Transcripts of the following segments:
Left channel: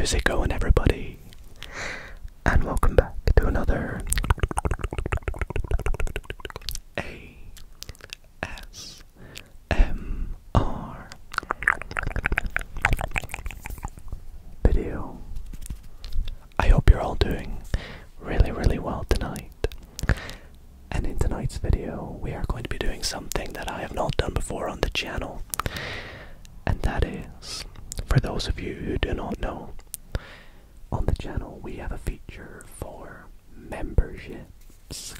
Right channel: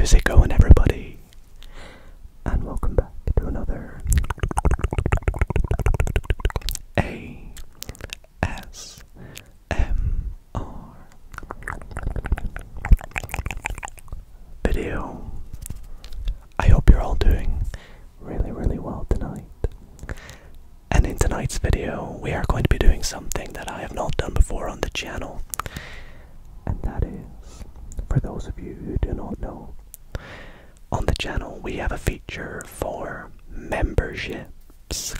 How's it going, everybody? And welcome back to another ASMR video. I hope you're all doing really well tonight. And in tonight's video, we are going to be doing something that I have not done before on the channel. And that is, for those of you who do not know, on the channel we have a feature for memberships,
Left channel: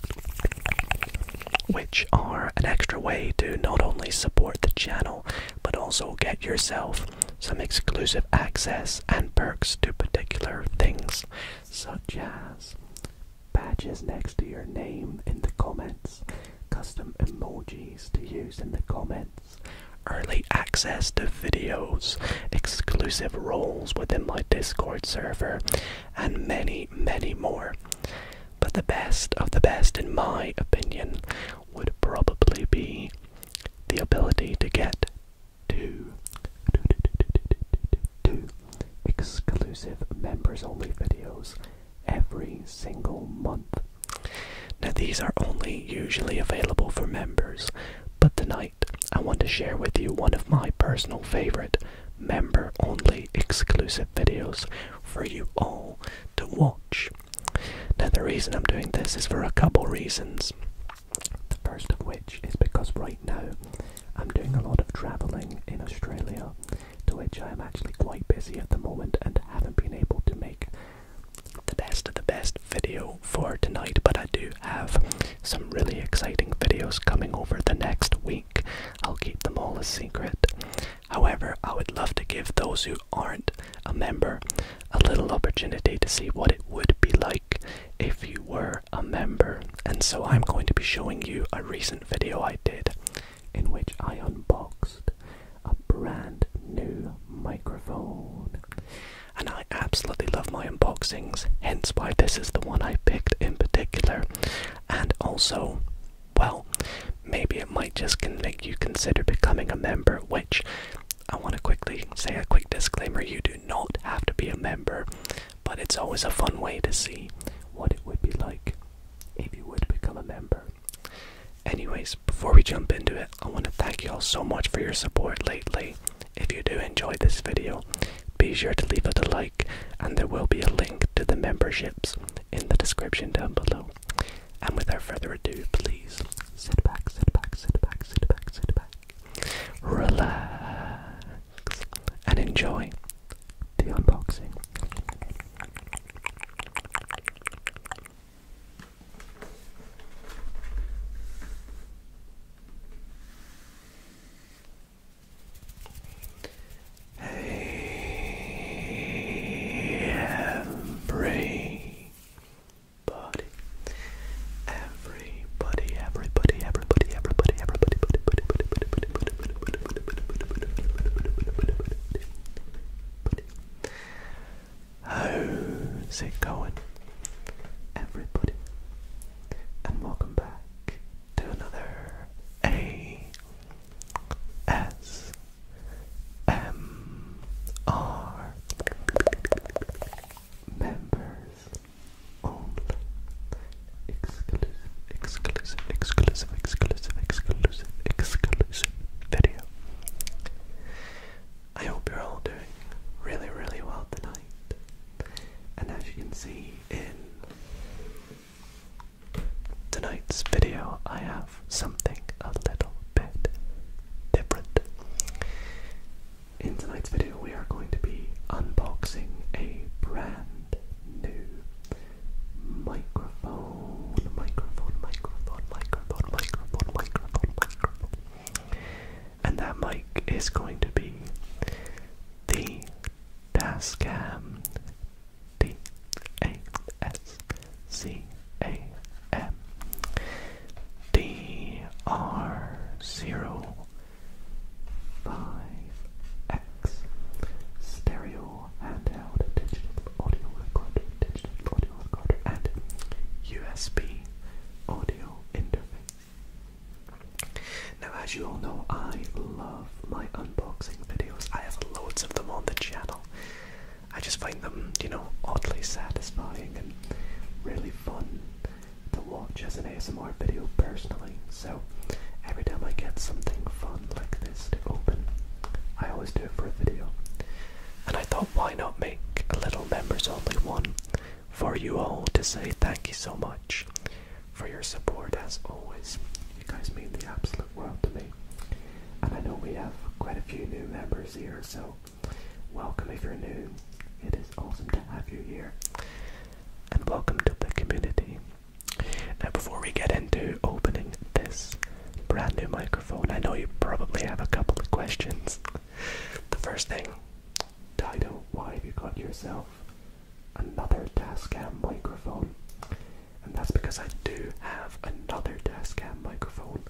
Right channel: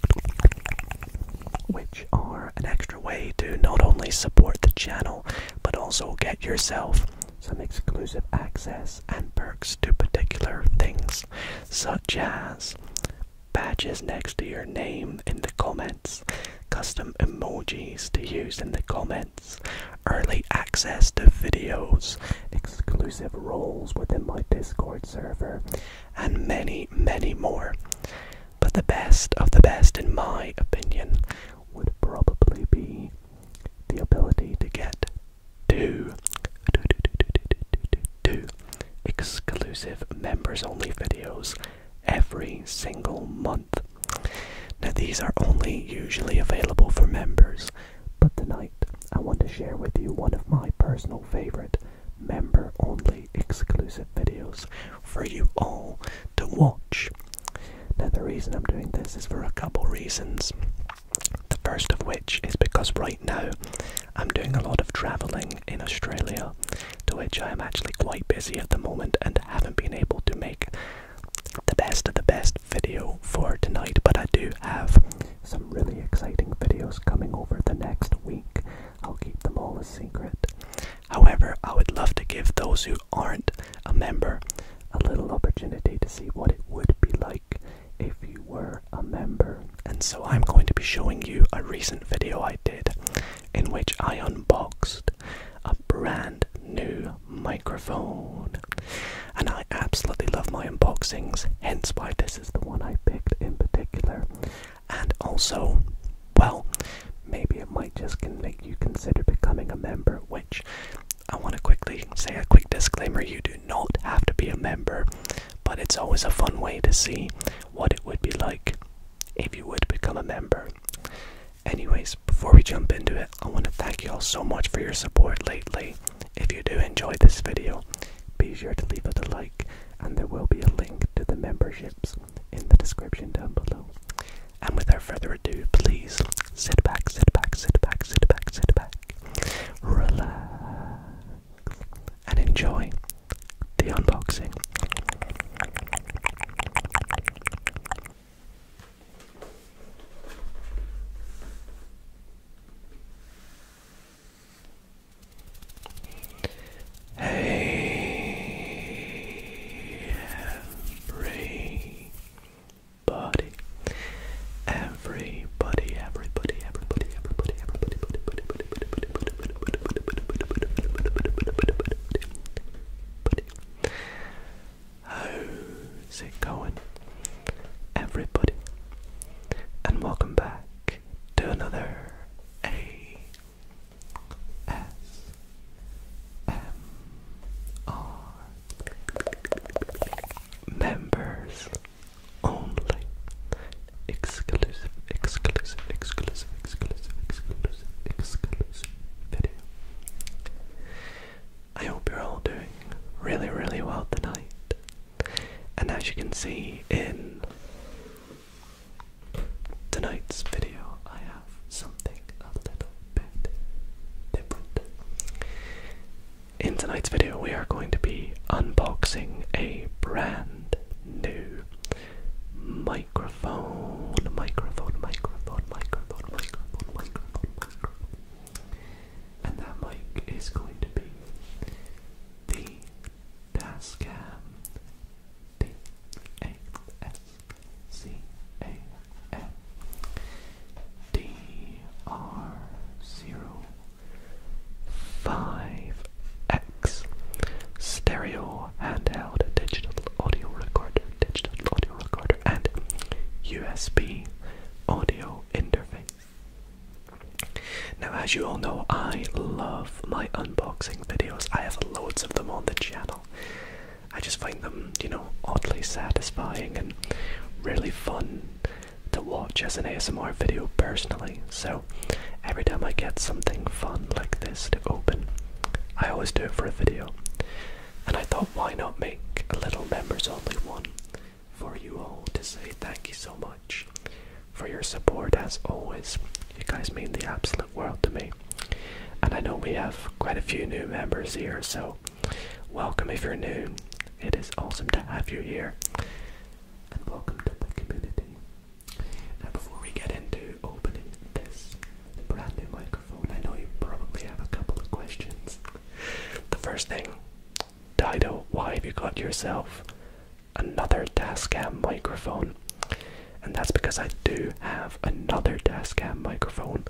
which are an extra way to not only support the channel, but also get yourself some exclusive access and perks to particular things, such as badges next to your name in the comments, custom emojis to use in the comments, early access to videos, exclusive roles within my Discord server, and many more. But the best of the best, in my opinion, would probably be the ability to get two exclusive members only videos every single month. Now these are only usually available for members, but tonight I want to share with you one of my personal favorite member only exclusive videos for you all to watch. Now the reason I'm doing this is for a couple reasons. The first of which is because right now I'm doing a lot of traveling in Australia, to which I am actually quite busy at the moment and haven't been able to make the best of the best video for tonight, but I do have some really exciting videos coming over the next week. I'll keep them all a secret. However, I would love to give those who aren't a member a little opportunity to see what it would be like if you were a member. And so I'm going to be showing you a recent video I did in which I unboxed a brand new microphone. And I absolutely love my unboxings, hence why this is the one I picked in particular. And also, well, maybe it might just make you consider becoming a member, which I want to quickly say a quick disclaimer: you do not have to be a member, but it's always a fun way to see what it would be like if you would become a member. Anyways, before we jump into it, I want to thank you all so much for your support lately. If you do enjoy this video, be sure to leave it a like, and there will be a link to the memberships in the description down below. And without further ado, please sit back, relax, and enjoy the unboxing. How's it going, everybody? And welcome back to another ASMR members only exclusive video. I hope you're all doing really well tonight. And as you can see in tonight's video, I have something a little bit different. In tonight's video, we are going to be unboxing a brand new microphone. And that mic is going to be the Tascam DR05X stereo handheld digital audio recorder and USB audio interface. Now, as you all know, I love my unboxing videos. I have loads of them on the channel. I I just find them, you know, oddly satisfying and really fun to watch as an ASMR video personally. So every time I get something fun like this to open, I always do it for a video. And I thought, why not make a little members only one for you all to say thank you so much for your support as always. You guys mean the absolute world to me. And I know we have quite a few new members here, so welcome if you're new. It is awesome to have you here. And welcome to the community. Now before we get into opening this brand new microphone, I know you probably have a couple of questions. The first thing, Dido, why have you got yourself another Tascam microphone? And that's because I do have another Tascam microphone,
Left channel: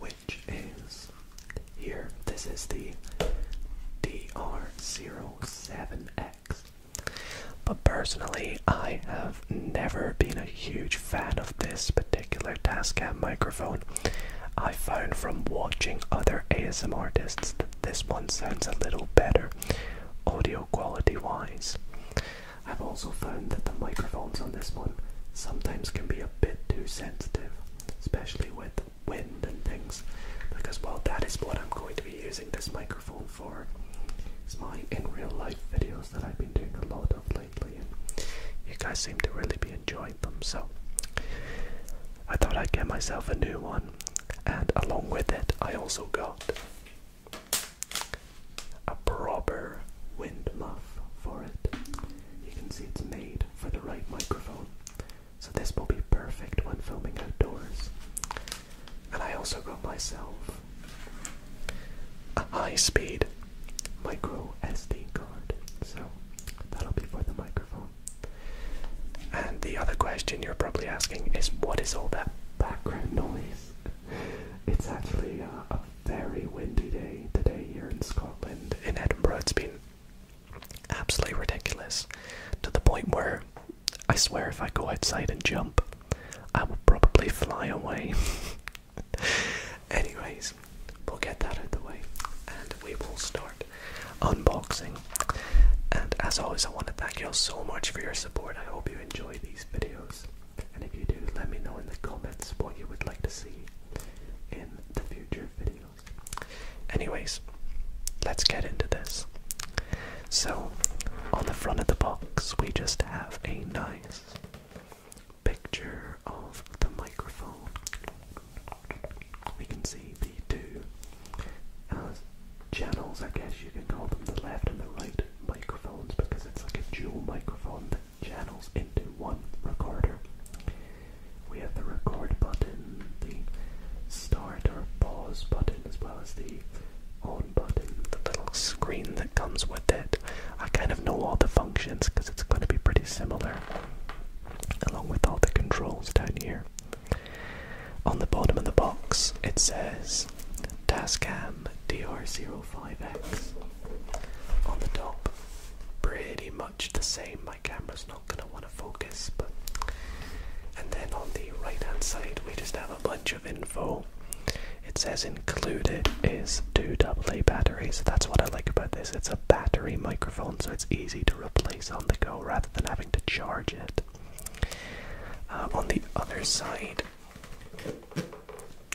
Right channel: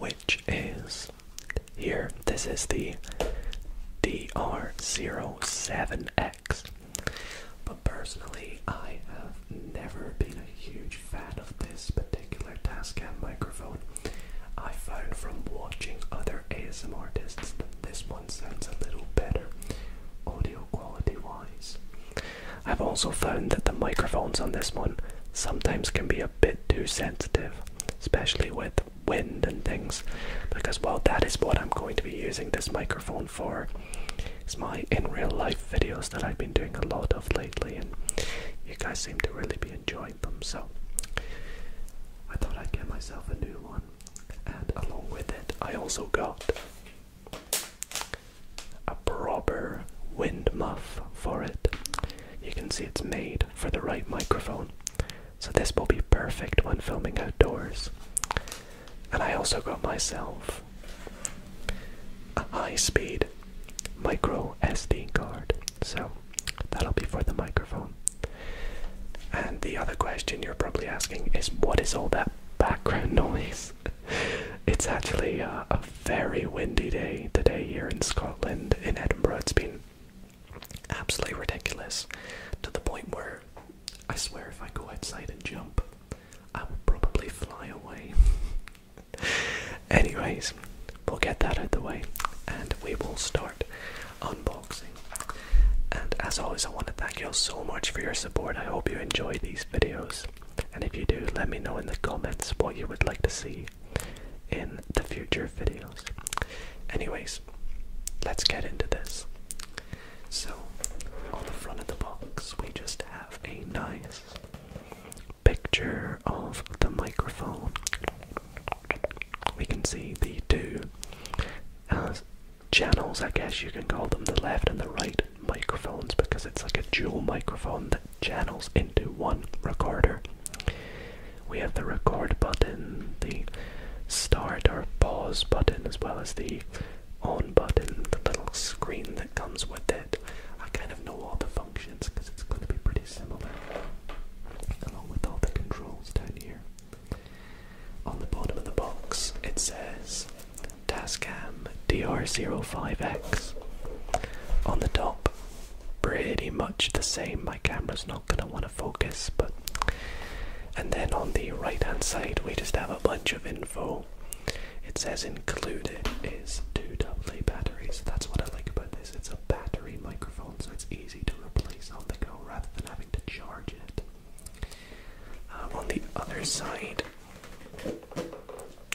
which is here. This is the DR07X. But personally, I have never been a huge fan of this particular Tascam microphone. I found from watching other ASMR artists that this one sounds a little better, audio quality wise. I've also found that the microphones on this one sometimes can be a bit too sensitive, especially with wind and things, because well, that is what I'm going to be using this microphone for. It's my in real life videos that I've been doing a lot of lately, and you guys seem to really be enjoying them, so I thought I'd get myself a new one. And along with it, I also got a proper wind muff for it. You can see it's made for the right microphone, so this will be perfect when filming outdoors. And I also got myself a high-speed micro SD card, so that'll be for the microphone. And the other question you're probably asking is, what is all that background noise? It's actually a very windy day today here in Scotland. In Edinburgh, it's been absolutely ridiculous, to the point where I swear if I go outside and jump, I will probably fly away. Anyways, we'll get that out of the way and we will start unboxing. And as always, I want to thank you all so much for your support. I hope you enjoy these videos, and if you do, let me know in the comments what you would like to see in the future videos. Anyways, let's get into this. So on the front of the box we just have a nice picture of the microphone. We can see the two channels, I guess you can call them, the left and the right microphones, because it's like a dual microphone that channels into one recorder. We have the record button, the start or pause button, as well as the on button, the little screen that comes with it. I kind of know all the functions because it's going to be pretty similar, along with all the controls down here. On the bottom of the box it says Tascam DR05X. On the top, pretty much the same. My camera's not going to want to focus, but... And then on the right hand side we just have a bunch of info. It says included is 2 AA batteries. That's what I like about this. It's a battery microphone, so it's easy to replace on the go rather than having to charge it. On the other side,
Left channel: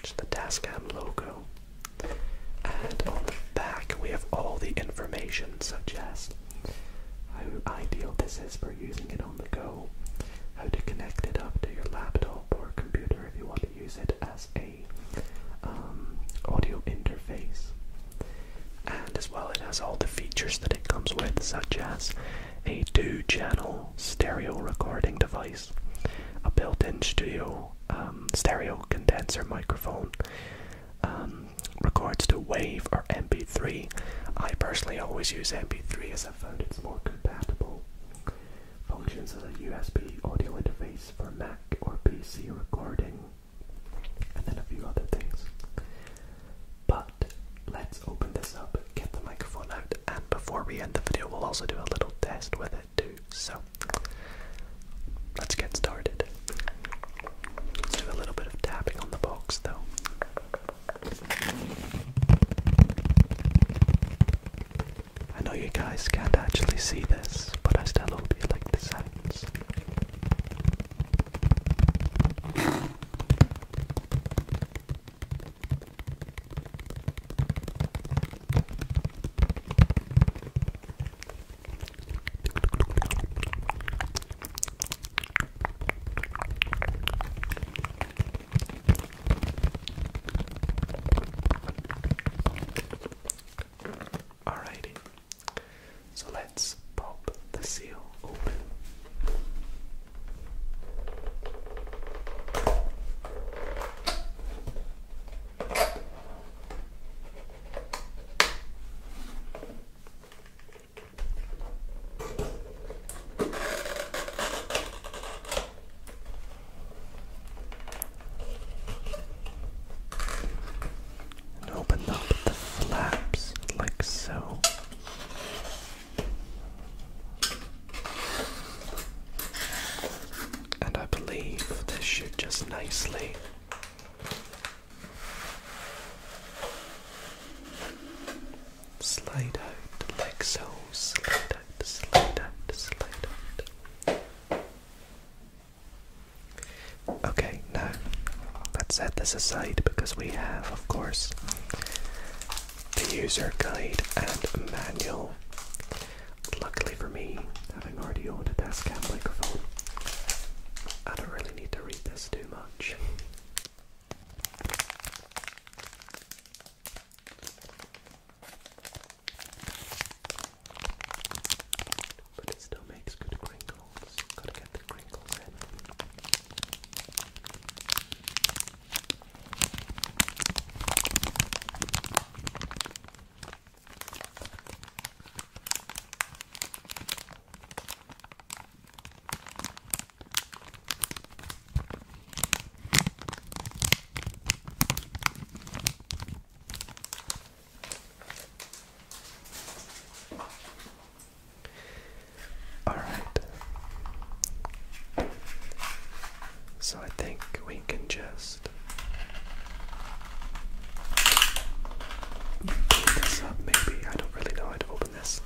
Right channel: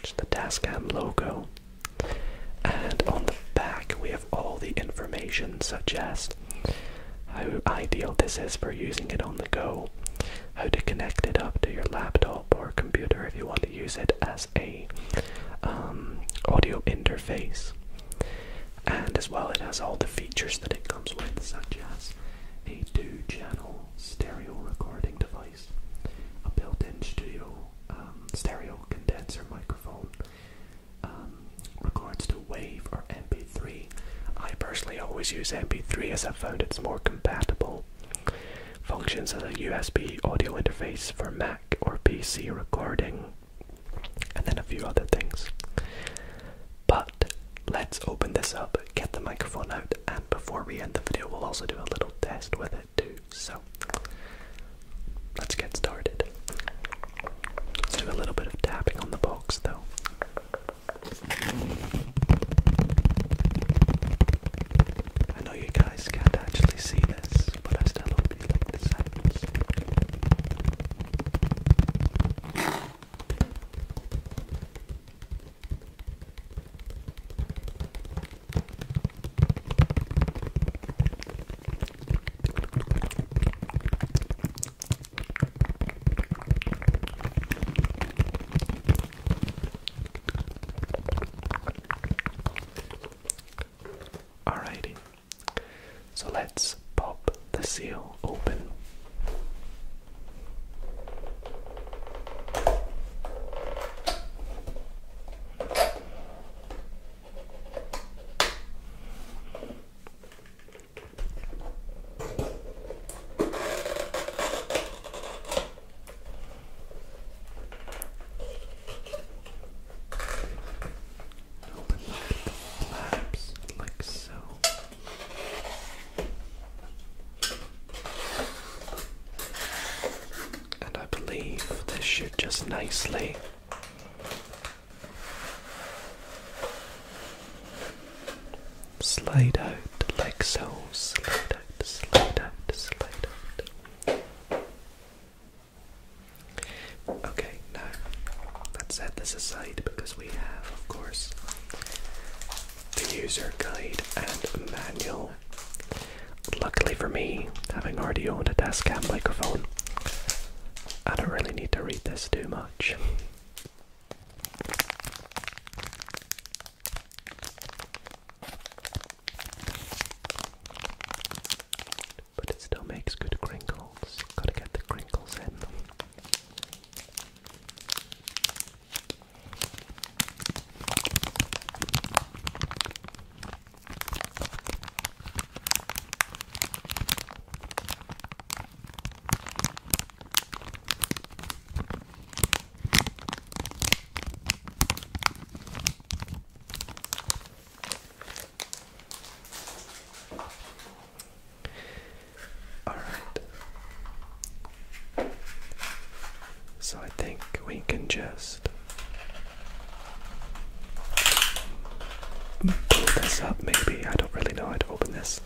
just the Tascam logo. And on the back we have all the information, such as how ideal this is for using it on the go, how to connect it up to your laptop or computer if you want to use it as a audio interface, and as well it has all the features that it comes with, such as a 2-channel stereo recording device, a built-in studio stereo condenser microphone, records to WAV or MP3. I personally always use MP3 as I've found it's more compatible. Functions as a USB audio interface for Mac or PC recording, and then a few other things. But let's open this up, get the microphone out, and before we end the video we'll also do a little test with it too. So let's get started. Let's do a little bit of tapping on the box though. I know you guys can't actually see this, but So let's pop the seal open. Open up the flaps like so. And I believe this should just nicely slide out like so. Slide out, slide out, slide out. Okay, now let's set this aside because we have, of course, the user guide and manual. Luckily for me, having already owned a Tascam microphone, I don't really need to read this too much. But it still makes good crinkles. Gotta get the crinkles in. So I think we can just pull this up maybe. I don't really know how to open this.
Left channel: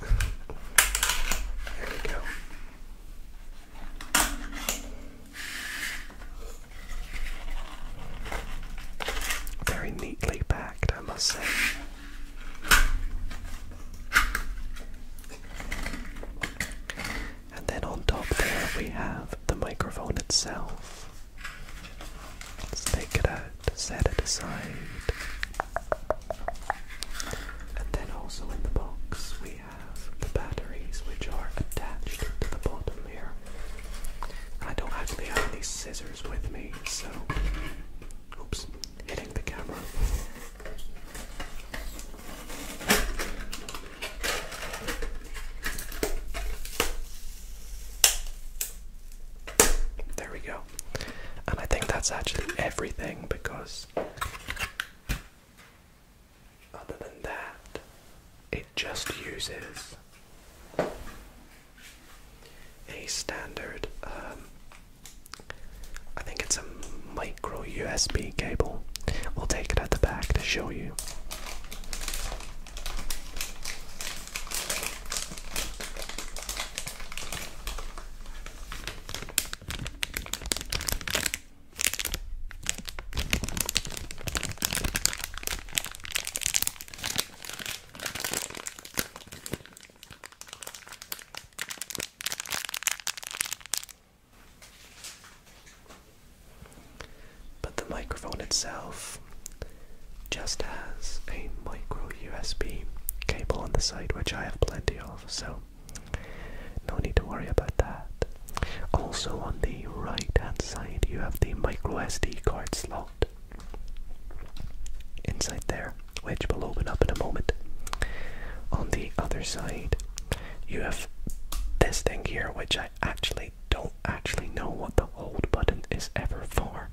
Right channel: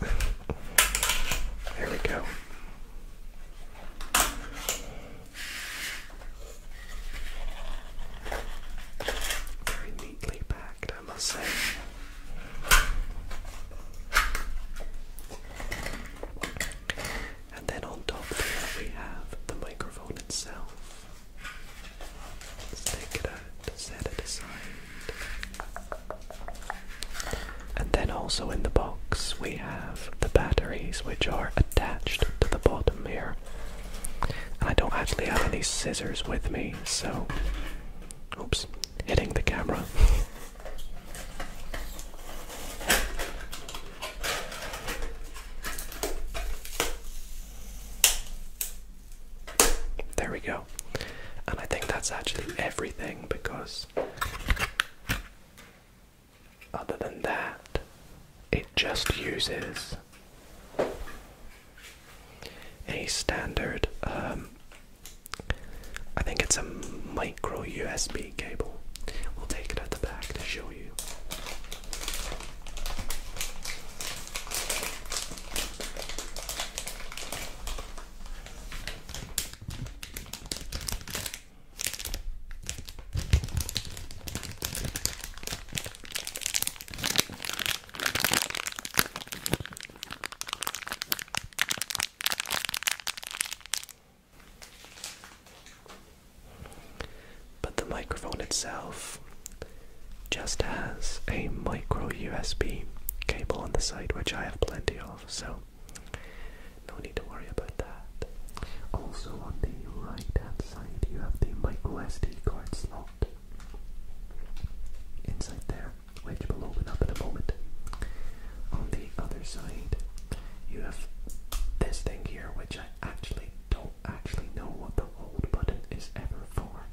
There we go. Very neatly packed, I must say. And then on top there we have the microphone itself. Let's take it out, set it aside. And then also in the box we have the batteries, which are attached to the bottom here. And I don't actually have any scissors with me, so oops, hitting the camera. There we go. And I think that's actually everything, because other than that, it just uses a standard, I think it's a micro USB cable. We'll take it at the back to show you. The microphone itself just has a micro USB cable on the side, which I have plenty of, so no need to worry about that. Also on the right hand side you have the micro SD card slot inside there, which will open up in a moment. On the other side you have this thing here, which I actually don't know what the hold button is ever for.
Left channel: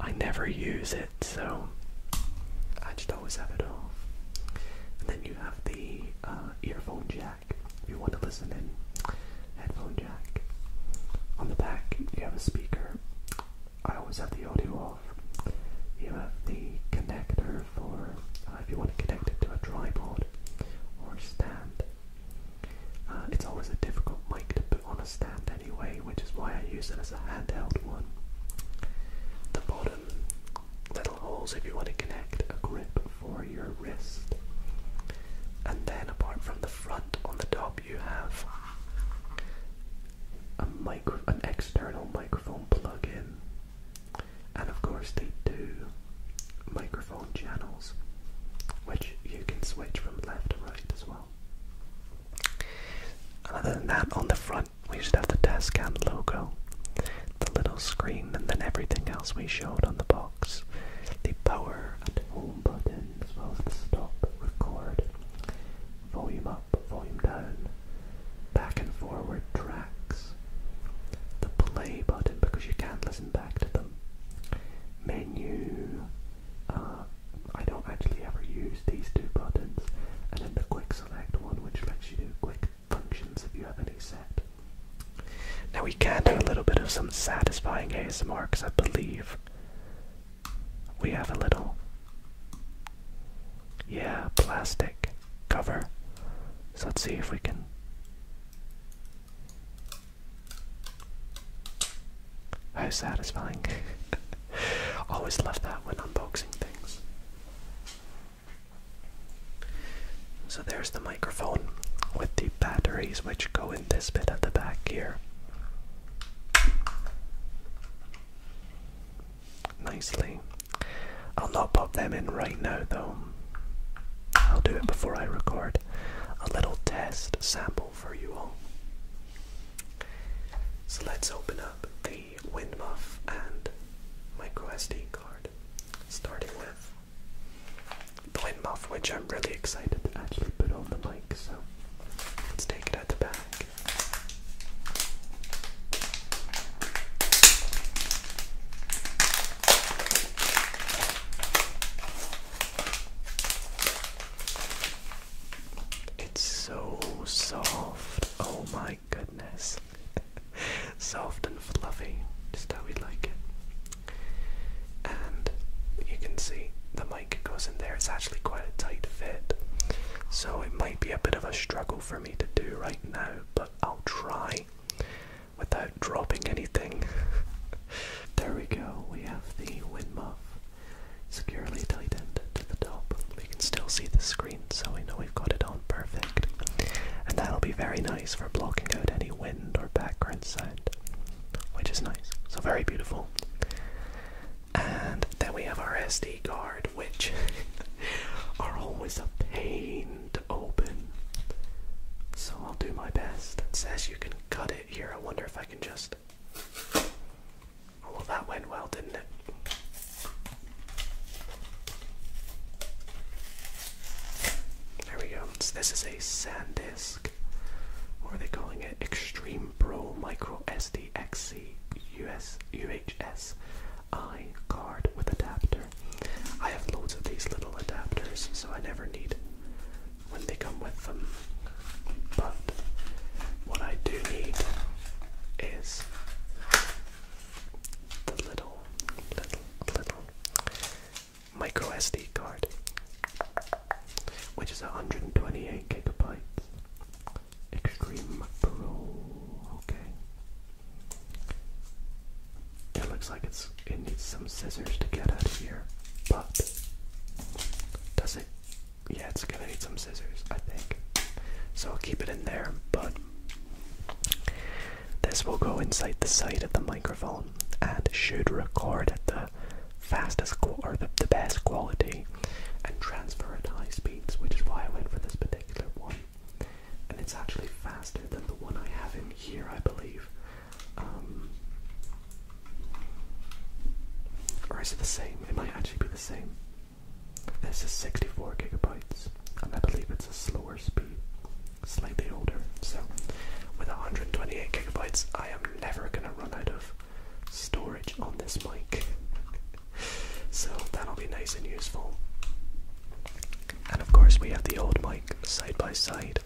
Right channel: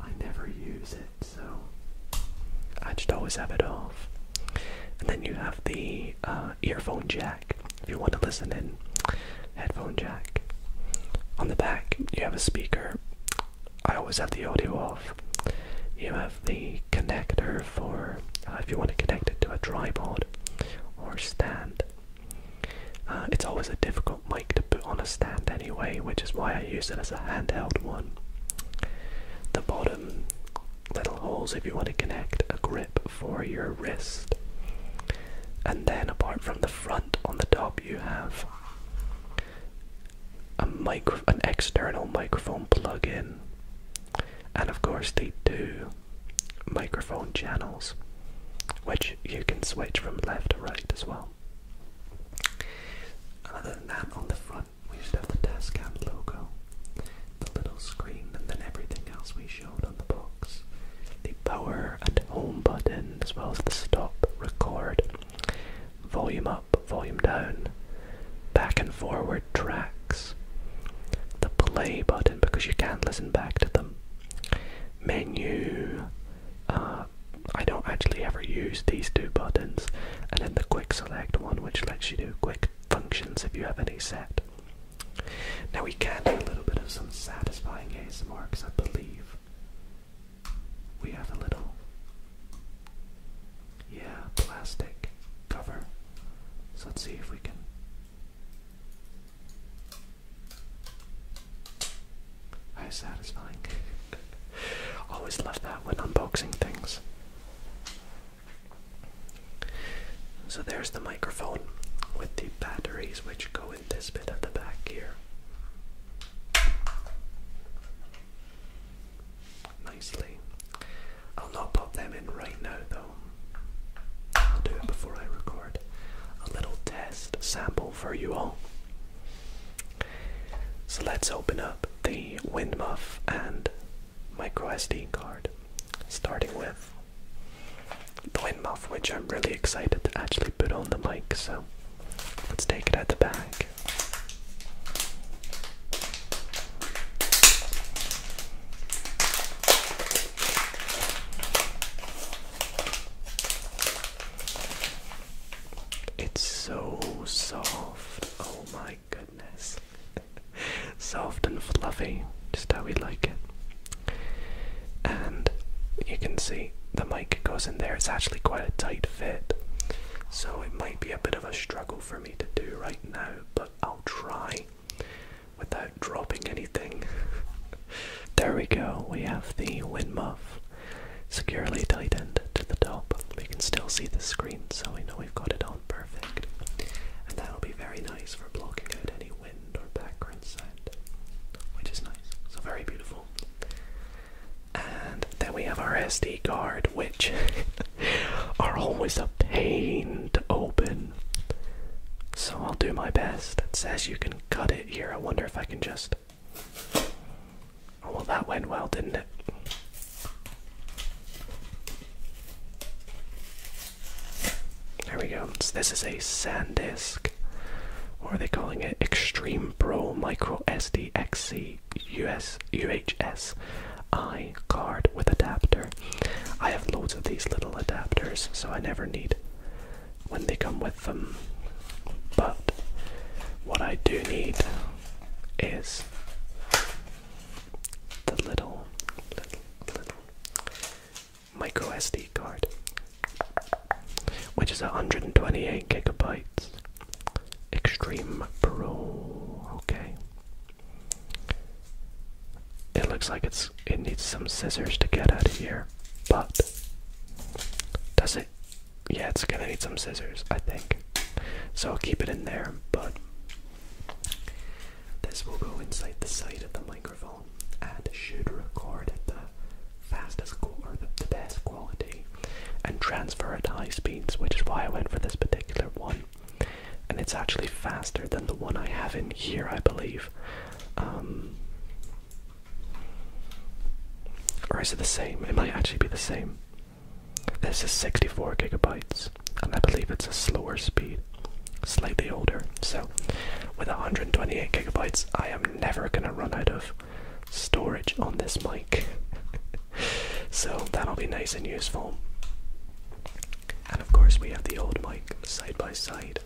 I never use it, so I just always have it off. And then you have the earphone jack, if you want to listen in, headphone jack. On the back you have a speaker. I always have the audio off. You have the connector for if you want to connect it to a tripod or stand. It's always a difficult mic to put on a stand anyway, which is why I use it as a handheld one. The bottom little holes if you want to connect a grip for your wrist. And then apart from the front, on the top you have an external microphone plug-in, and of course the two microphone channels, which you can switch from left to right as well. Tascam logo, the little screen, and then everything else we showed on the box. The power and home button, as well as the stop, record, volume up, volume down, back and forward tracks, the play button because you can't listen back to them, menu, I don't actually ever use these two buttons, and then the quick select one which lets you do quick functions if you have any set. Now we can do a little bit of some satisfying ASMR because I believe we have a little, plastic cover. So let's see if we can. How satisfying. Always love that when unboxing things. So there's the microphone with the batteries which go in this bit at the back here. Nicely. I'll not pop them in right now though. I'll do it before I record a little test sample for you all. So let's open up the wind muff and micro SD card, starting with the wind muff, which I'm really excited to actually put on the mic, so let's take it out the bag. It's so soft, oh my goodness. Soft and fluffy, just how we like it. And you can see the mic goes in there. It's actually quite a tight fit, so it might be a bit of a struggle for me to do right now, but I'll try without dropping anything. There we go, we have the wind muff securely tightened to the top. We can still see the screen, so we know we've got it on perfect, and that'll be very nice for blocking out any wind or background sound, which is nice. So very beautiful. And then we have our SD card, which are always a pain to open, so I'll do my best. It says you can cut it here. I wonder if I can just... Oh well, that went well, didn't it? There we go. So this is a SanDisk, or are they calling it Extreme Pro Micro SD XC UHS I card with adapter. I have loads of these little adapters, so I never need when they come with them. But what I do need is the little micro SD card, which is 128 gigabytes. Extreme Pro. Okay. It looks like it needs some scissors to get out of here, but does it? Yeah, it's gonna need some scissors, I think. So I'll keep it in there, but this will go inside the side of the microphone and should record at the fastest or the best quality and transfer at high speeds, which is why I went for this particular one. And it's actually faster than the one I have in here, I believe. Or is it the same? It might actually be the same. This is 64 gigabytes, and I believe it's a slower speed, slightly older. So with 128 gigabytes, I am never going to run out of storage on this mic. So that'll be nice and useful. And of course we have the old mic side by side.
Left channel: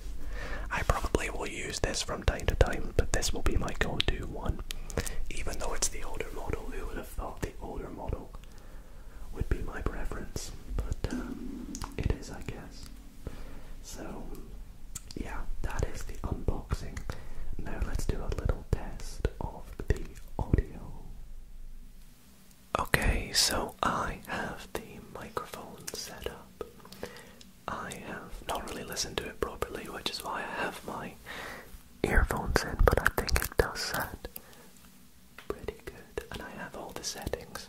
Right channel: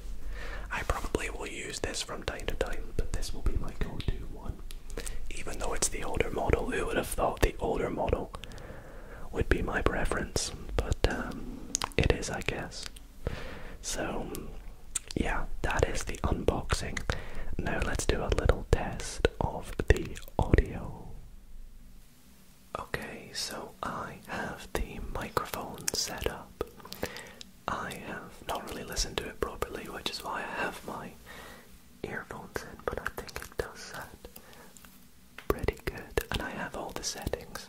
I probably will use this from time to time, but this will be my go-to one. Even though it's the older model, who would have thought the older model would be my preference? But it is, I guess. So yeah, that is the unboxing. Now let's do a little test of the audio. Okay, so I have the microphone set up. I have not really listened to it properly, which is why I have my earphones in, but I think it does sound pretty good. And I have all the settings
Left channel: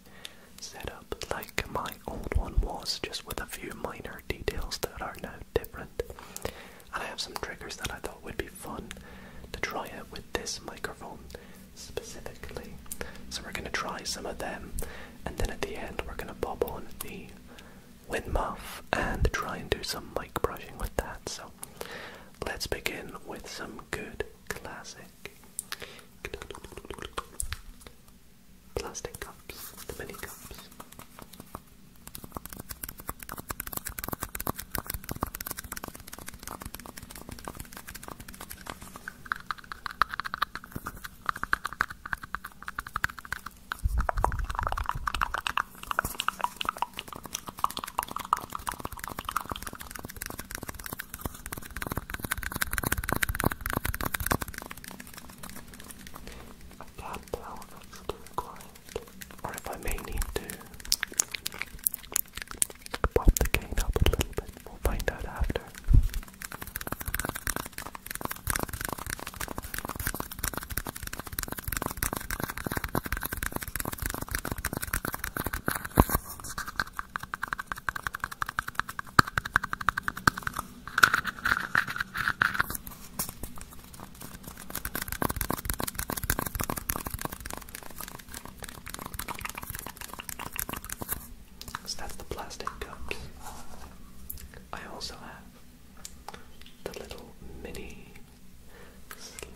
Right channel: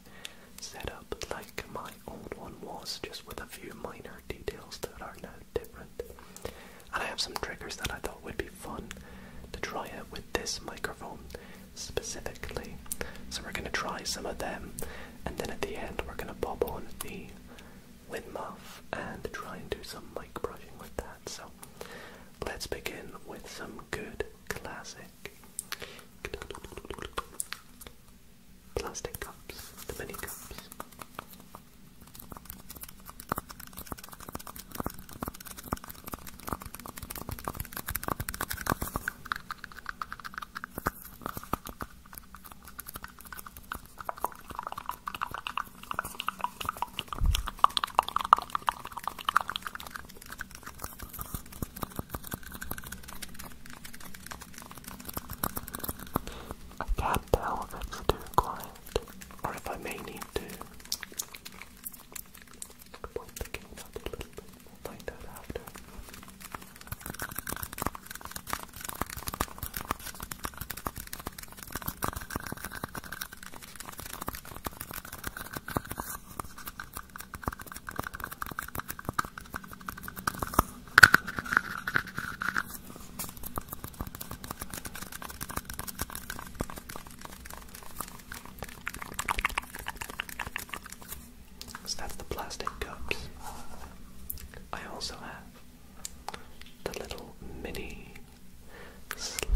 set up like my old one was, just with a few minor details that are now different. And I have some triggers that I thought would be fun to try try it with this microphone specifically. So we're going to try some of them, and then at the end we're going to pop on the wind muff and try and do some mic brushing with that. So let's begin with some good classic plastic cups, the mini cups. That's the plastic cups. I also have the little mini slugs.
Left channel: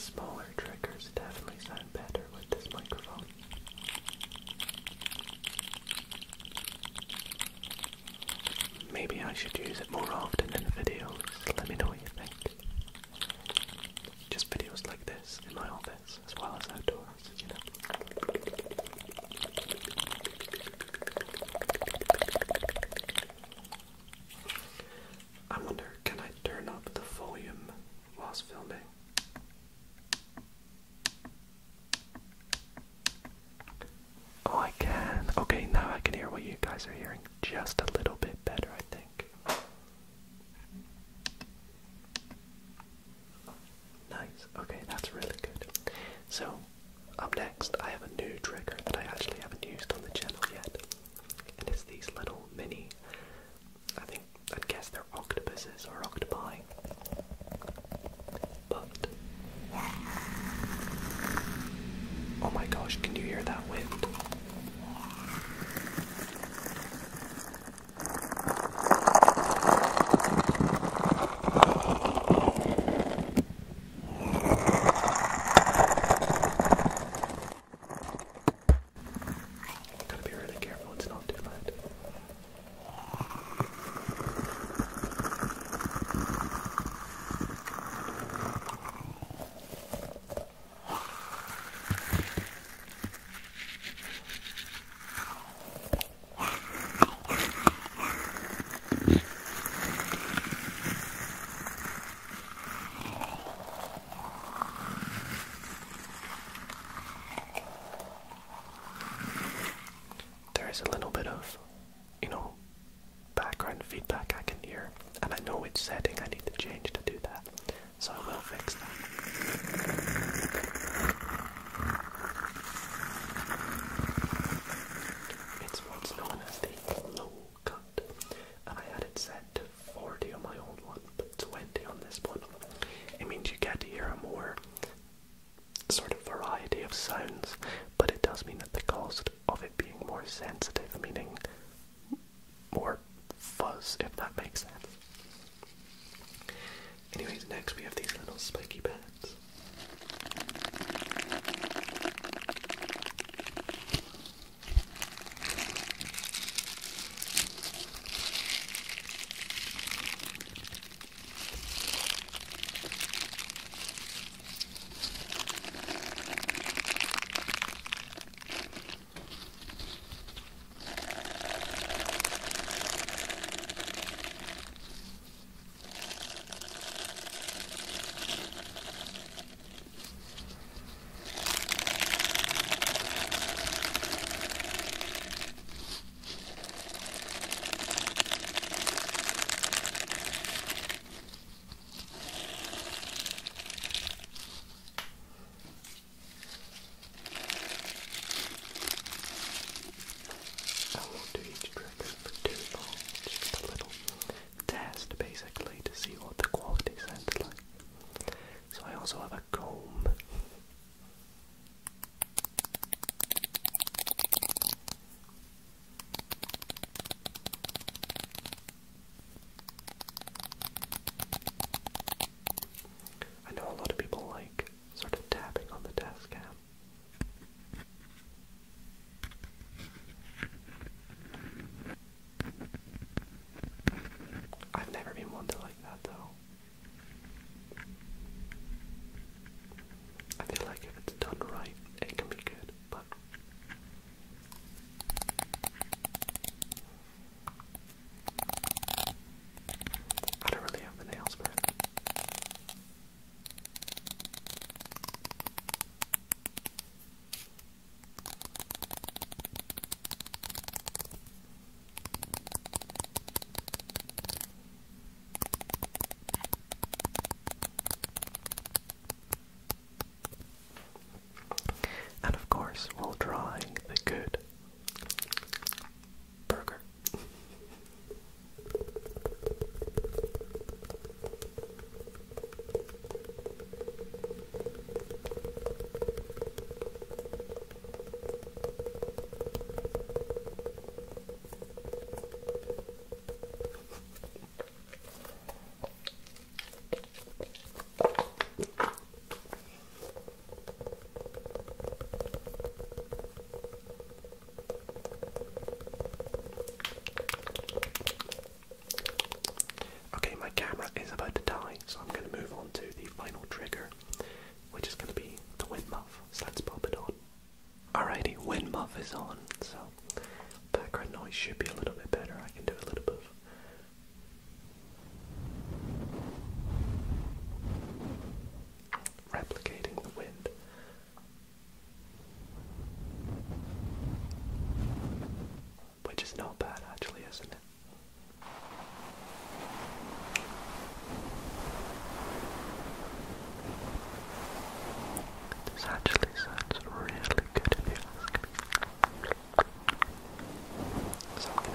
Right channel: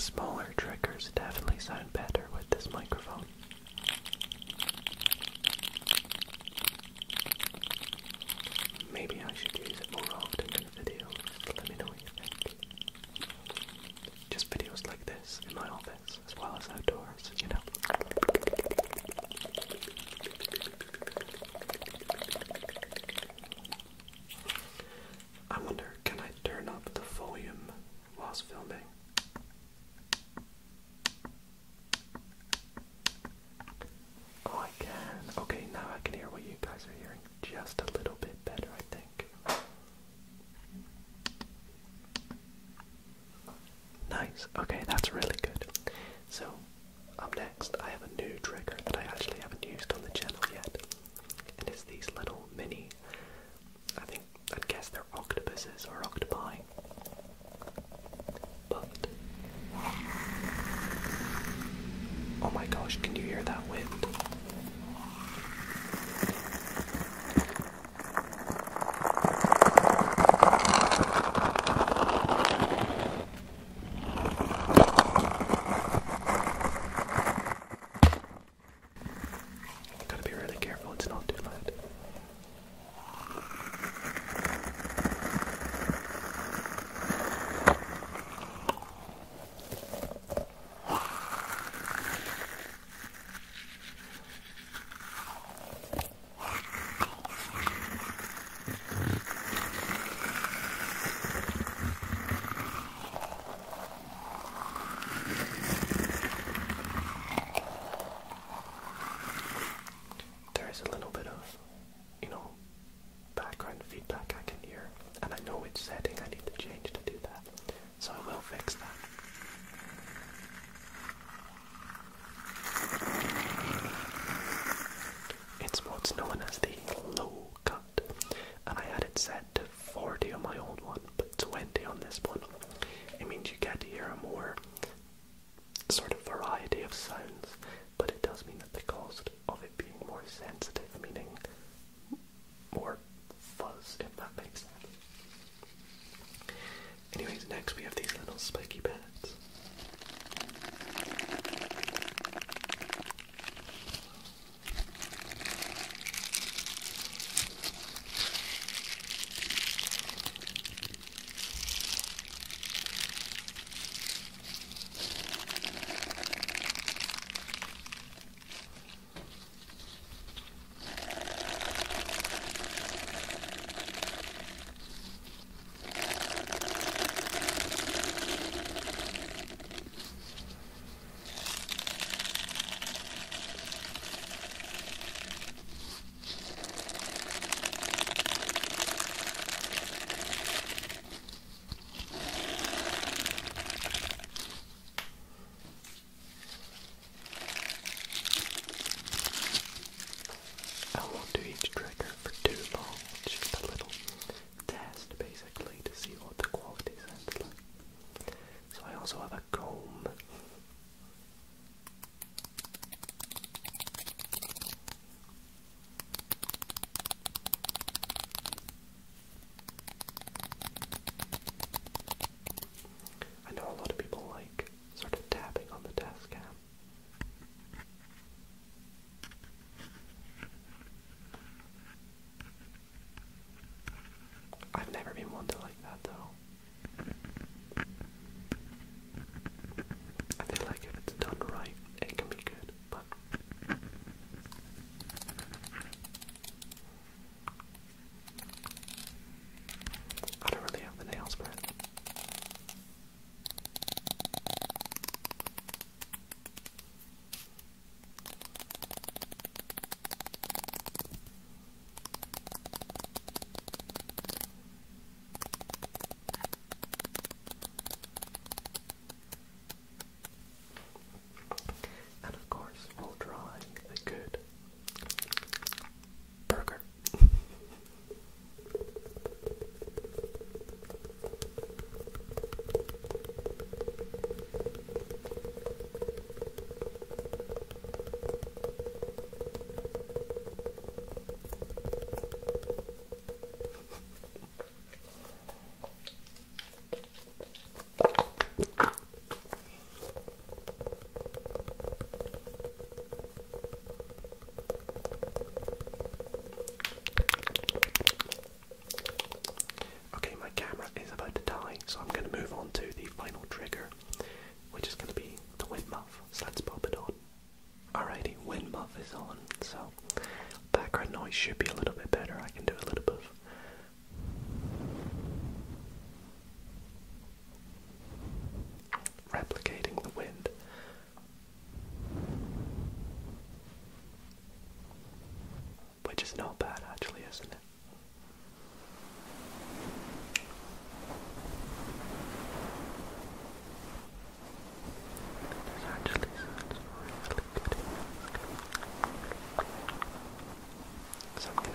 Smaller triggers definitely sound better with this microphone. Maybe I should use it more often in videos. Let me know what you think. Just videos like this in my office as well as outdoors, you know. I wonder, can I turn up the volume whilst filming? Oh, I can. Okay, now I can hear what you guys are hearing just a little bit better, I think. Nice. Okay, that's really good. So, up next, I have a new trigger that I actually haven't used on the channel yet. And it's these little mini, I'd guess they're octopuses or octopi. But, oh my gosh, can you hear that wind? Gotta be really careful, it's not too loud. There's a little bit of, background feedback I can hear, and I know which setting I need to change to do that, so I will fix that. It's what's known as the low cut, and I had it set to 40 on my old one, but 20 on this one. It means you get to hear a more sort of variety of sounds, but it does mean that the cost of it being more sensitive, meaning more fuzz, if that makes sense. Anyways, next we have these little spiky pads. is on, so background noise should be a little bit better. I can do a little bit of replicating the wind. Which is not bad actually, isn't it? This actually sounds really good if you ask me. So I'm